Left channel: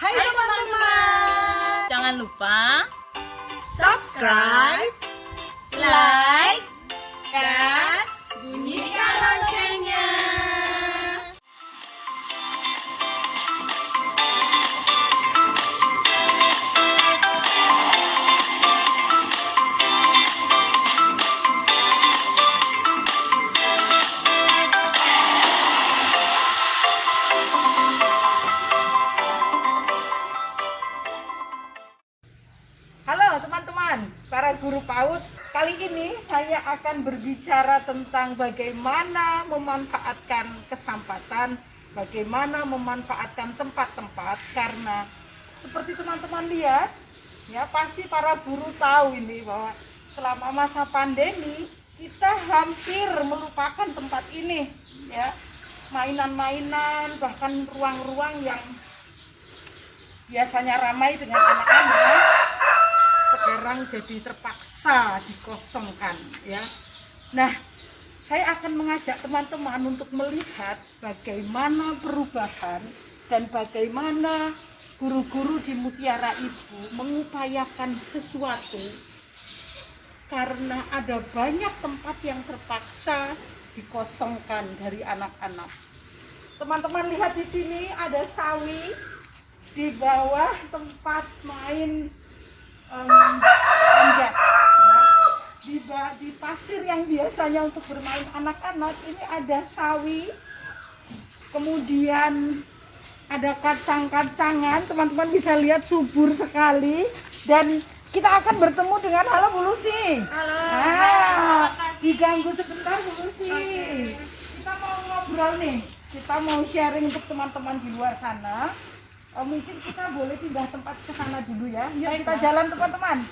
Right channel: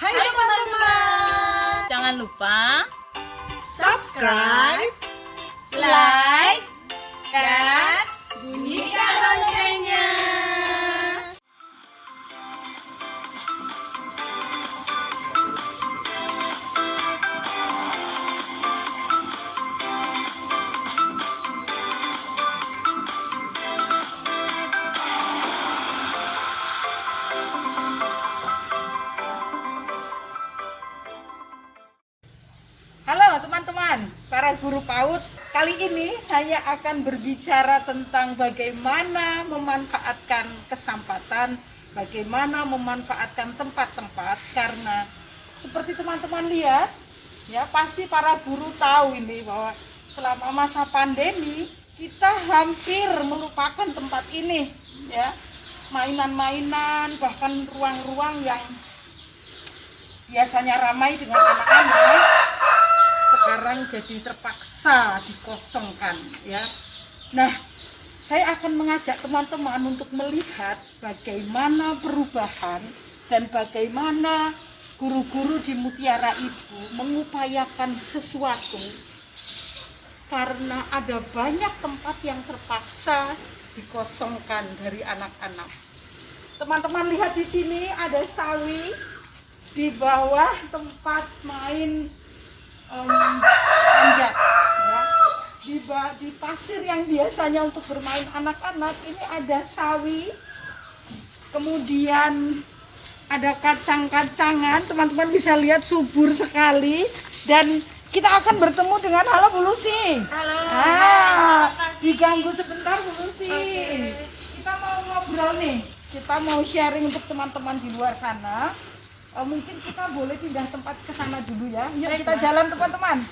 Hai teman-teman, Jangan lupa subscribe, like, dan bunyikan loncengnya. Halo teman-teman, para guru PAUD. Kali ini saya akan berbicara tentang bagaimana memanfaatkan kesempatan, bagaimana memanfaatkan tempat-tempat. Karena seperti teman-teman lihat, ya pasti para guru tahu ini bahwa selama masa pandemi kita hampir melupakan tempat ini, ya. Mainan-mainan, bahkan ruang-ruang yang biasanya ramai dengan anak-anak sekarang jadi terpaksa dikosongkan, ya. Nah, saya akan mengajak teman-teman untuk melihat bagaimana perubahan dan bagaimana guru-guru di Mutiara Ibu mengupayakan sesuatu karena ada banyak tempat yang terpaksa dikosongkan dari anak-anak. Teman-teman lihat di sini ada sawi, di bawah tempat main panjat, ya. Di pasir yang biasanya untuk bermain anak-anak ini ada sawi, kemudian ada kacang-kacangan. Teman-teman bisa lihat subur sekali, dan kita akan bertemu dengan halo Bu Lucy. Halo. Diganggu sebentar Bu Lucy. Oke. Kita mau ngobrol nih, kita mau sharing untuk teman-teman di luar sana. Mungkin kita boleh pindah tempat ke sana dulu ya. Yuk kita jalan teman-teman.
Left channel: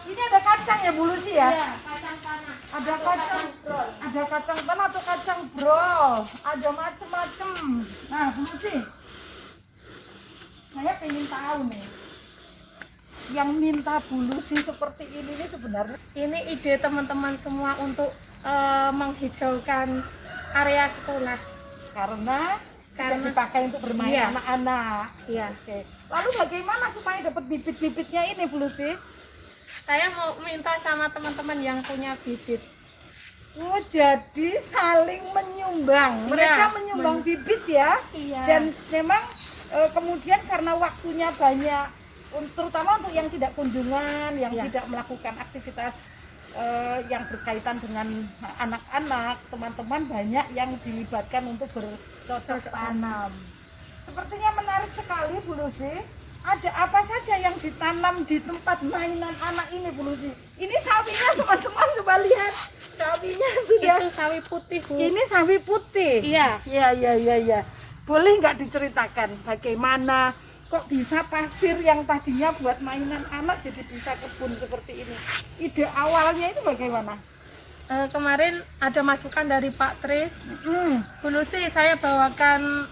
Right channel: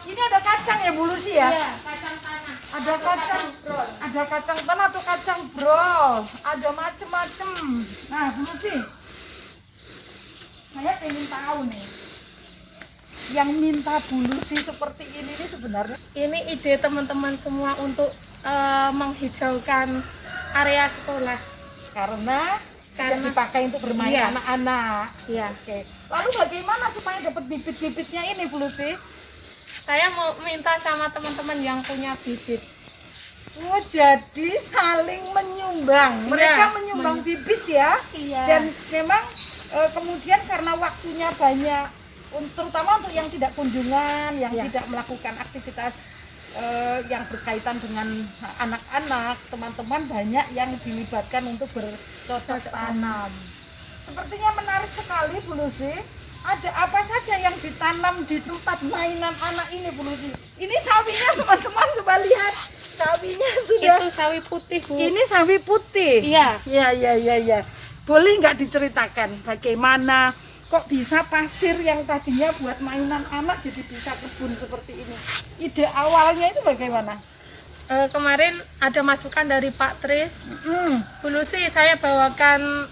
Ini ada kacang ya Bu Lucy ya? Iya, kacang tanah. Ada kacang tanah atau kacang brol. Ada macem-macem. Nah Bu Lucy, saya pengen tahu nih. Yang minta Bu Lucy seperti ini nih sebenarnya. Ini ide teman-teman semua untuk menghijaukan area sekolah. Karena dipakai untuk bermain Iya. anak-anak. Iya. Oke. Lalu bagaimana supaya dapat bibit-bibitnya ini Bu Lucy? Saya mau minta sama teman-teman yang punya bibit. Oh, jadi saling menyumbang. Mereka menyumbang bibit ya. Iya. Dan memang kemudian karena waktunya banyak, terutama untuk yang tidak kunjungan, yang tidak melakukan aktivitas yang berkaitan dengan anak-anak, teman-teman banyak yang dilibatkan untuk bercocok tanam. Sepertinya menarik sekali Bu Lucy. Ada apa saja yang ditanam di tempat mainan anak ini Bu Lucy? Ini sawinya teman-teman, coba lihat. Sawinya sudah. Itu sawi putih, Bu. Ini sawi putih. Iya. Iya. Boleh nggak diceritakan bagaimana kok bisa pasir yang tadinya buat mainan anak jadi bisa kebun seperti ini? Ide awalnya itu bagaimana? Kemarin ada masukan dari Pak Tris. Bu Lucy, saya bawakan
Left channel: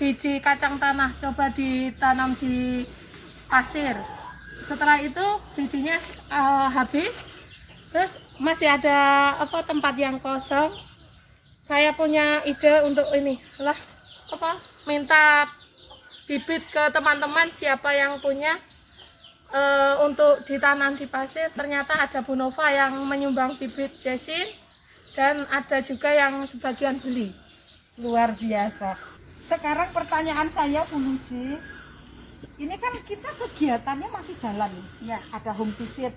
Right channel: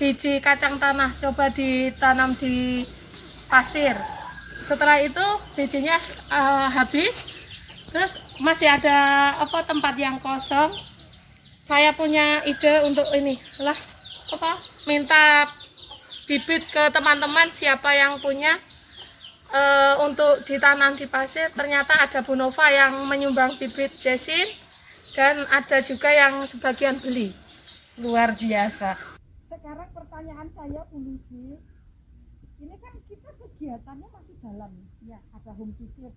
biji kacang tanah, coba ditanam di pasir. Setelah itu bijinya habis, terus masih ada tempat yang kosong. Saya punya ide untuk minta bibit ke teman-teman siapa yang punya untuk ditanam di pasir. Ternyata ada Bu Nova yang menyumbang bibit jesin dan ada juga yang sebagian beli. Luar biasa. Sekarang pertanyaan saya Bu Lucy, ini kan kita kegiatannya masih jalan ya, ada home visit,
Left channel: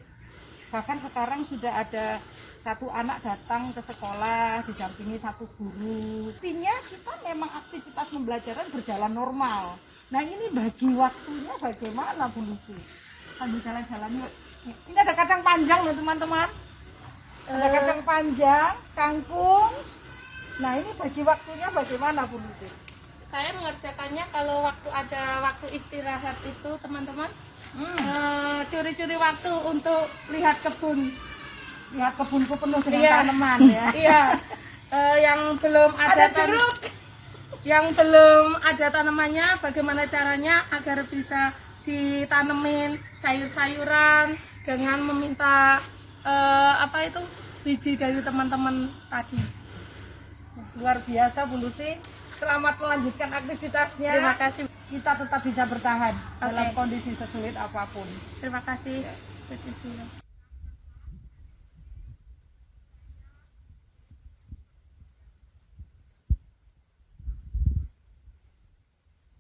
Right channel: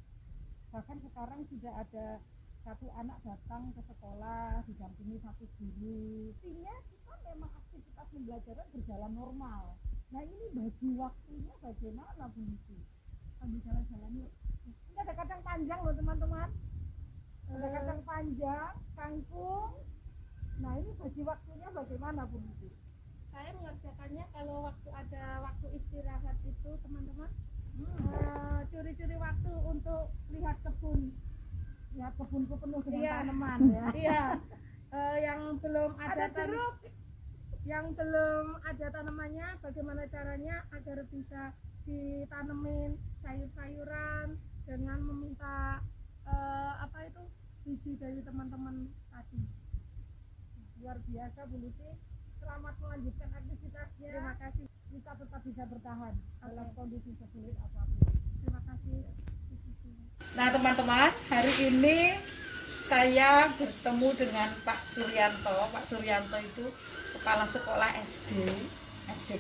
bahkan sekarang sudah ada satu anak datang ke sekolah didampingi satu guru. Artinya kita memang aktivitas pembelajaran berjalan normal. Nah ini bagi waktunya bagaimana Bu Lucy? Sambil jalan-jalan yuk. Ini ada kacang panjang loh teman-teman. Ada kacang panjang, kangkung. Nah ini bagi waktunya bagaimana Bu Lucy? Saya mengerjakannya kalau ada waktu istirahat itu teman-teman curi-curi waktu untuk lihat kebun. Lihat kebunku penuh dengan Iya. tanaman ya. Iya. Yang belum ada jeruk. Yang belum ada tanamannya, bagaimana caranya agar bisa ditanemin sayur-sayuran dengan meminta biji dari teman-teman tadi. Luar biasa Bu Lucy. Selamat melanjutkan aktivitasnya. Terima kasih. kita tetap bisa bertahan dalam Oke. kondisi sesulit apapun. Terima kasih Bu Sisi. Nah teman-teman, hari ini saya bertemu dengan Pak Suryanto. Pak Suryanto itu kepala sekolah SD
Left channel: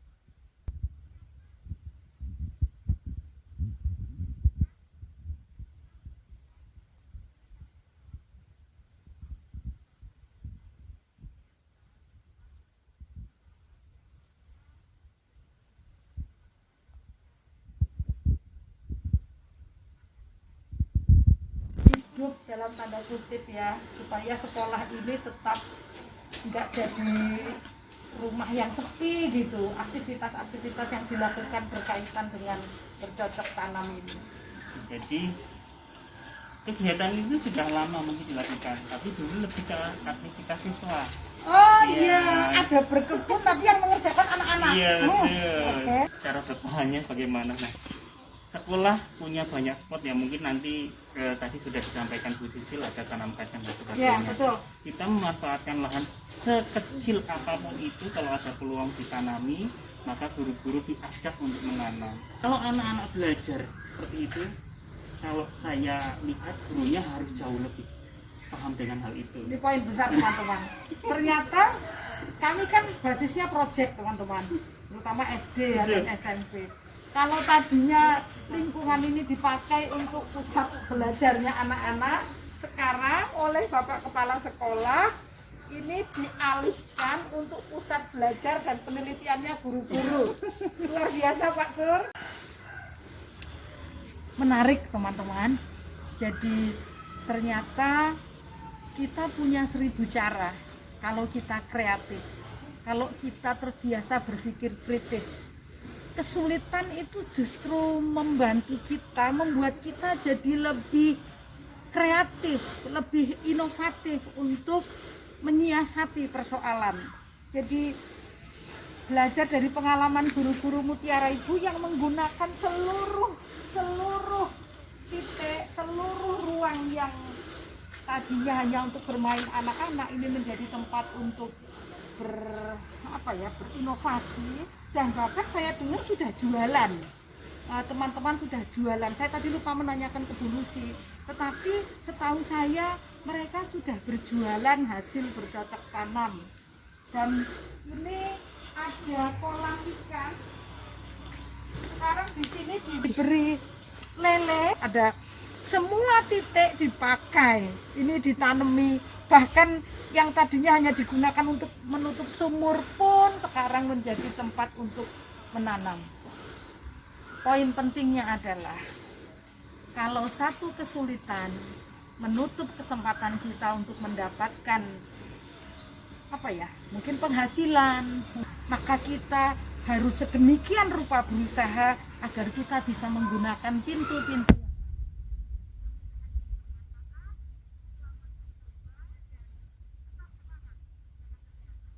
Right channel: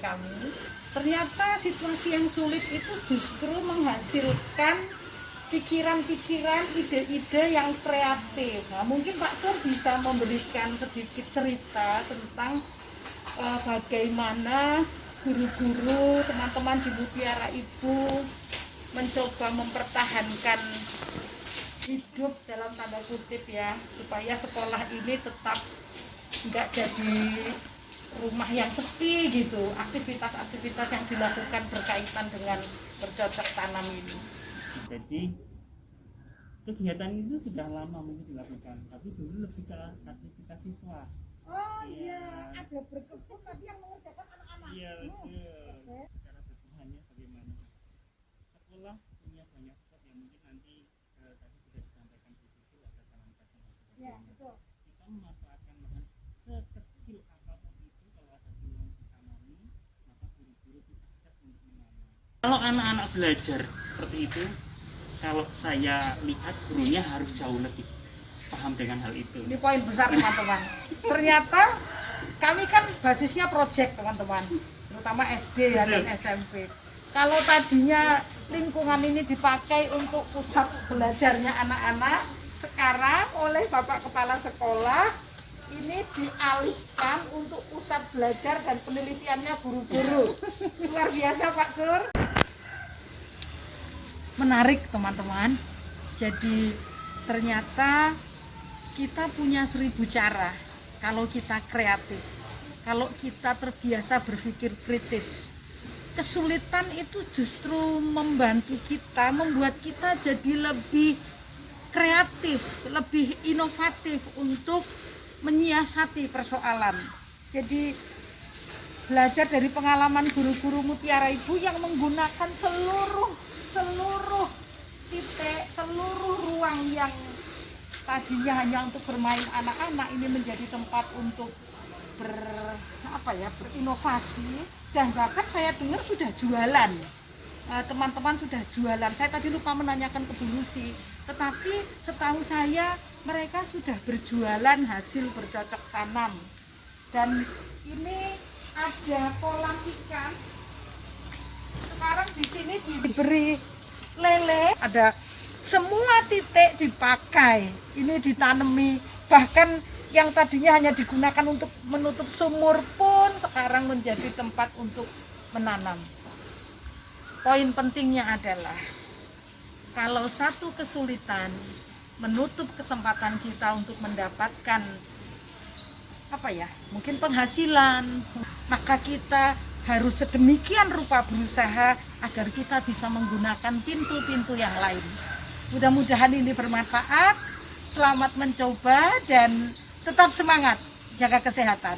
kami. Ternyata situasi yang sulit itu justru menghasilkan pikiran-pikiran, ide-ide yang kreatif. Nah, mungkin Pak Sur bisa memberikan sedikit cerita tentang bagaimana guru-guru, teman-teman di Mutiara Ibu mencoba mempertahankan hidup dalam tanda kutip ya, supaya sekolah ini tetap nggak jadi rumah yang sepi gitu. Aktivitas-aktivitas yang dilakukan berkaitan dengan bercocok tanam ini. Jadi kegiatan itu sudah lama mungkin dilakukan, tapi dulu lebih ke aktivitas siswa. Oh Iya. iya, ada berkebun tapi yang mengerjakan anak-anak. Iya betul. Oke. Cara bertahannya bagaimana? Nah, sekolah punya banyak spot ya, mungkin nanti tadi sudah disampaikan Bu Sisil ada tanam kacang dan Iya, sebagainya. betul. Kita memanfaatkan lahan sekecil apapun itu, kalau ada peluang ditanami, maka guru-guru diajak untuk menanam. Kalau anak-anak belajar seperti itu, kalau saya lihat gurunya harus jauh lebih paham dengan hal itu. Ini poin besar teman-teman. Ternyata kami kan basisnya project teman-teman, terutama SD ya, dan SMP. Kalau tadinya lingkungan ini dipakai untuk pusat belajarnya anak-anak, sekarang oleh Bapak Kepala Sekolah ini dialihkan untuk pusat belajar dan penelitiannya guru-guru. Luar biasa Pak Sur. Menarik teman-teman. Jadi ternyata kita punya 1000 cara kalau kita kreatif, kalau kita terbiasa berpikir kritis. Kesulitan itu justru membantu kita, membuat kita jadi lebih kreatif, lebih inovatif untuk menyiasati persoalan. Jadi belajar dari pengalaman guru-guru Mutiara Ibu yang menggunakan seluruh titik, seluruh ruang yang tadinya hanya untuk bermain anak-anak ini menjadi tempat untuk berinovasi, dan bahkan saya dengar sudah jualan. Teman-teman sudah jualan. Saya tadi lupa menanyakan ke Bu Lucy, tetapi setahu saya mereka sudah berjualan hasil bercocok tanam. Dan ini ada kolam ikan. Sekarang di sini diberi lele, ada semua titik dipakai. Ini ditanami, bahkan yang tadinya hanya digunakan untuk menutup sumur pun sekarang menjadi tempat untuk menanam. Poin pentingnya adalah kalau satu kesulitan menutup kesempatan kita untuk mendapatkan mungkin penghasilan, maka kita harus sedemikian rupa berusaha agar kita bisa menggunakan pintu-pintu yang lain. Mudah-mudahan ini bermanfaat. Selamat mencoba dan tetap semangat, jaga kesehatan.